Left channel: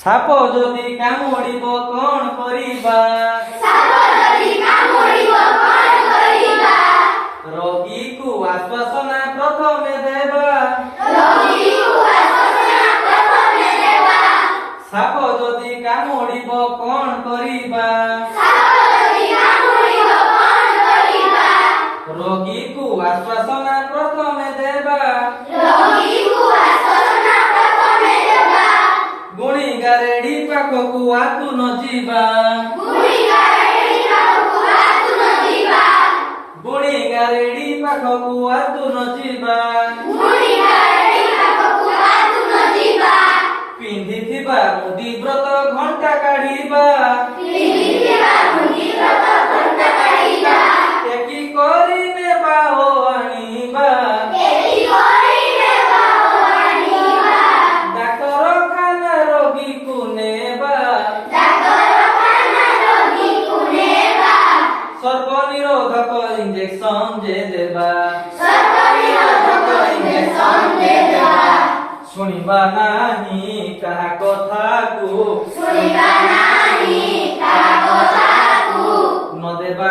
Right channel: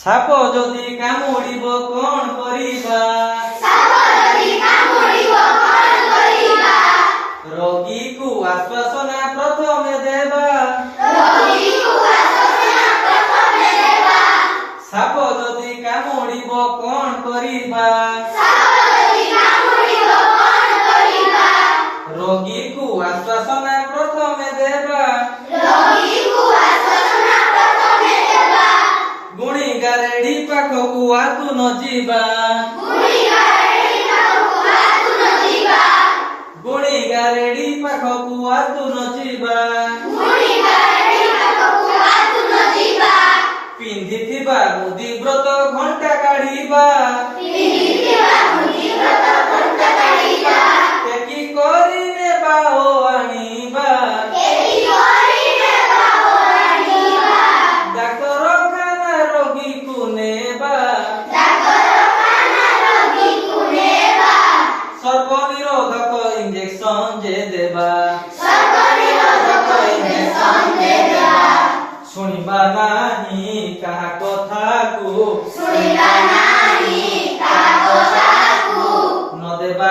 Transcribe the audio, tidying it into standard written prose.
ସାପ ଯଦି କାମୁଡ଼ିବ କ'ଣ କରିବା? ରୋଗୀକୁ ଆଶ୍ୱାସନା ପ୍ରଥମେ ଦେବା। ସାପ ଯଦି କାମୁଡ଼ିବ କ'ଣ କରିବା? ରୋଗୀକୁ ଆଶ୍ୱାସନା ପ୍ରଥମେ ଦେବା। ଗୁଣିଗାରେଡ଼ି ପାଖକୁ ଆତୁ ନ ଯିବା। ଗୁଣିଗାରେଡ଼ି ପାଖକୁ ଆତୁ ନ ଯିବା। ପିନ୍ଧିଥିବା ମୁଦି ବ୍ରତ ଘଣ୍ଟା କାଢ଼ିବା। ଟେକି କରି ନେବା ଓ ଆଣିବା। ଡାକ୍ତରଖାନା ରୋଗୀକୁ ନେବା। ସର୍ବନିରୋଧକ ଇଞ୍ଜେକ୍ସନ ଯେ ଦେବା। ଶୁଣିବା ନାହିଁ କାହା କଥାକୁ। ନ ଦେବା